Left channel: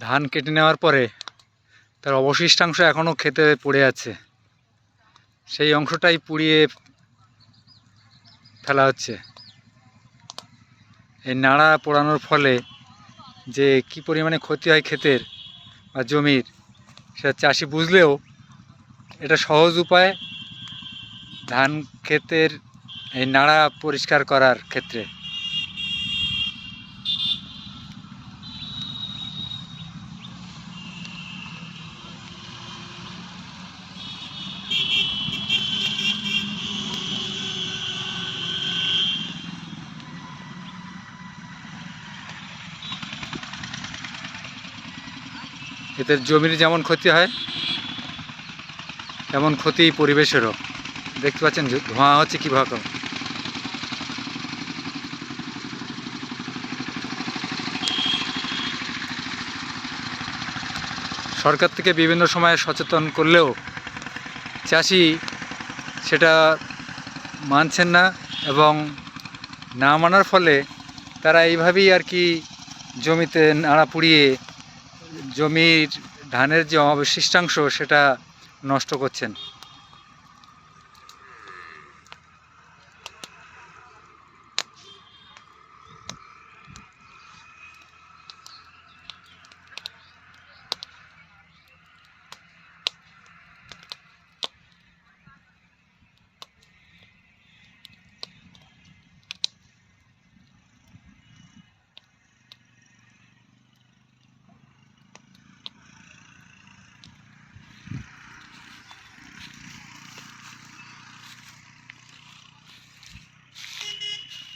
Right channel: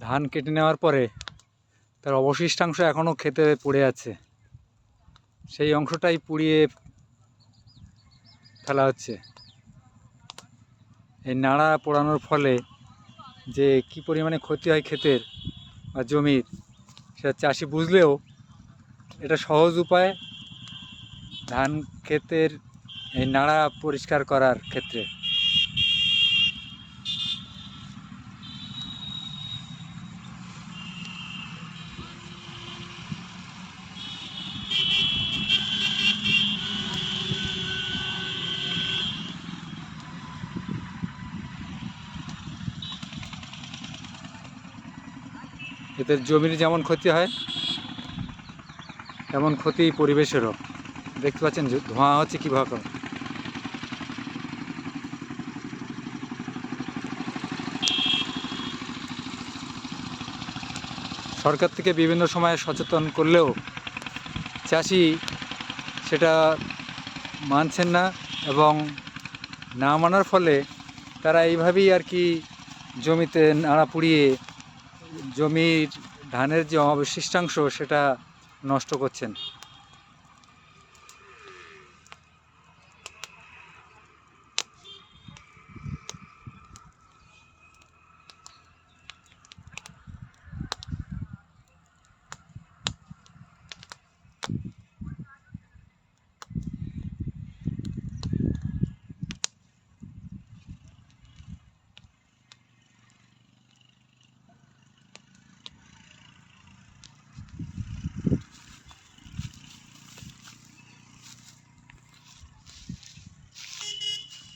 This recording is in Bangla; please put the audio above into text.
ধান কেটে নেওয়ার পরে তার অবশিষ্টাংশ এখনও খেতে পড়ে আছে। সেই অংশটাই পুড়িয়ে ফেলা হচ্ছে। এই নাড়া পোড়ানোর ফলে যে কি পরিমাণে ক্ষতি হয় ক্ষেতের বা জমির, সেটা চাষি বুঝলেও এটা সহজ উপায় ধান ক্ষেতের এই নাড়া পরিষ্কার করার ক্ষেত্রে। এতে জমির যেমন ক্ষতি হয়, তেমন ক্ষতি পরিবেশেরও। দেখতে পাচ্ছেন ধোঁয়া হচ্ছে কীভাবে সরকার থেকে বিভিন্ন সময়ে সচেতন করলেও চাষি সেটা মানছেন না এবং না মানার ফলে তারা এইভাবেই আর কি জমিতে নাড়া পুড়িয়ে জমির ধানের যে অবশিষ্টাংশ সেটা নষ্ট করছেন।